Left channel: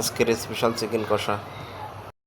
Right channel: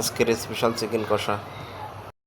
আজকের special chicken কষা।